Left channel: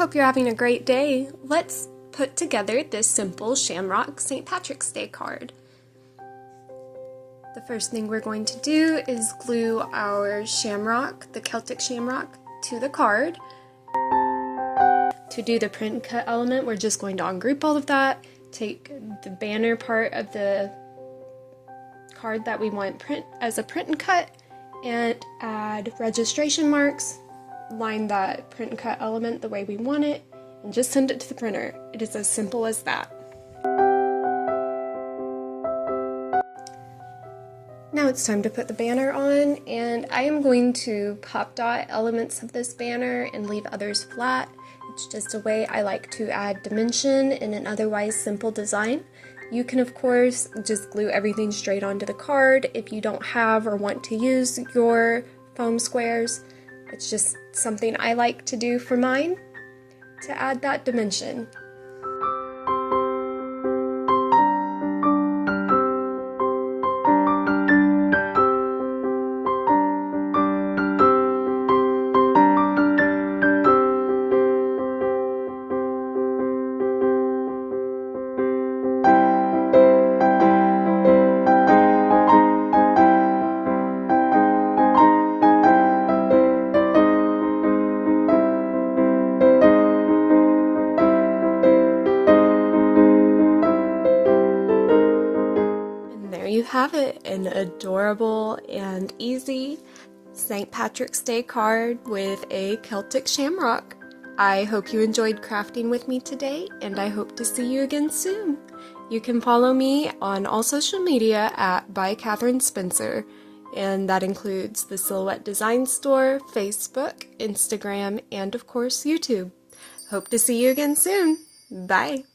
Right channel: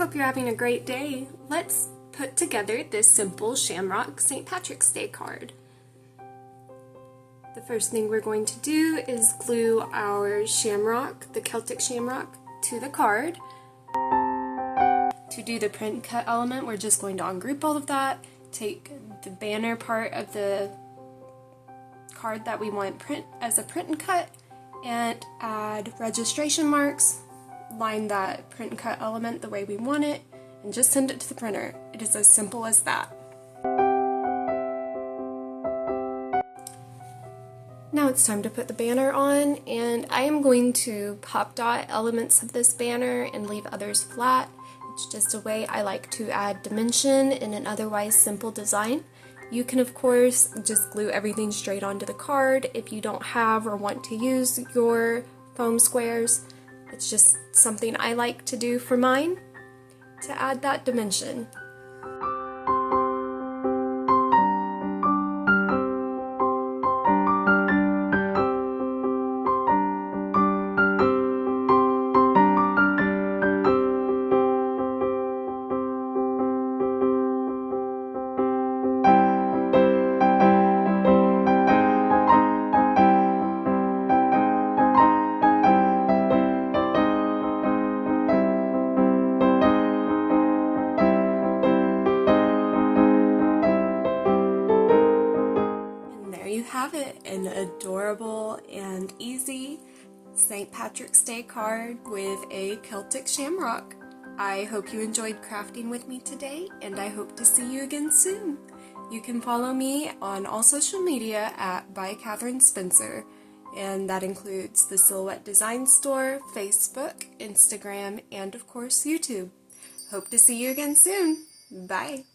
hope you're having a great day. Let's put together this simple Shamrock St. Patrick's Day card. The first thing we're going to do is glue our shamrock, the Celtic shamrock, to the card. To do the print cut element, we're just going to ungroup all of that, take the banner part of the card that we want print as a print and cut, and add registration marks, line that print and cut element the way we want it, and just send it to the printer. It is as simple as that. Now it's time to put the banner on, and I am going to pop dot elements of this banner and leave others flat. It's just a way I like to add dimension in an otherwise simple design. You can of course just glue everything straight onto the card if you don't have or want to use your foam squares. It's just something I like to do for mine to add that dimension. There you have it, an adorable and easy St. Patrick's Day card with a Celtic shamrock. I hope you enjoyed crafting with me today, and I hope to see you again soon. You can follow me on all social media at by Catherine Spencer, and that includes the Silhouette Design Store, Facebook, Instagram, and of course YouTube. Hope to see you again soon. Bye!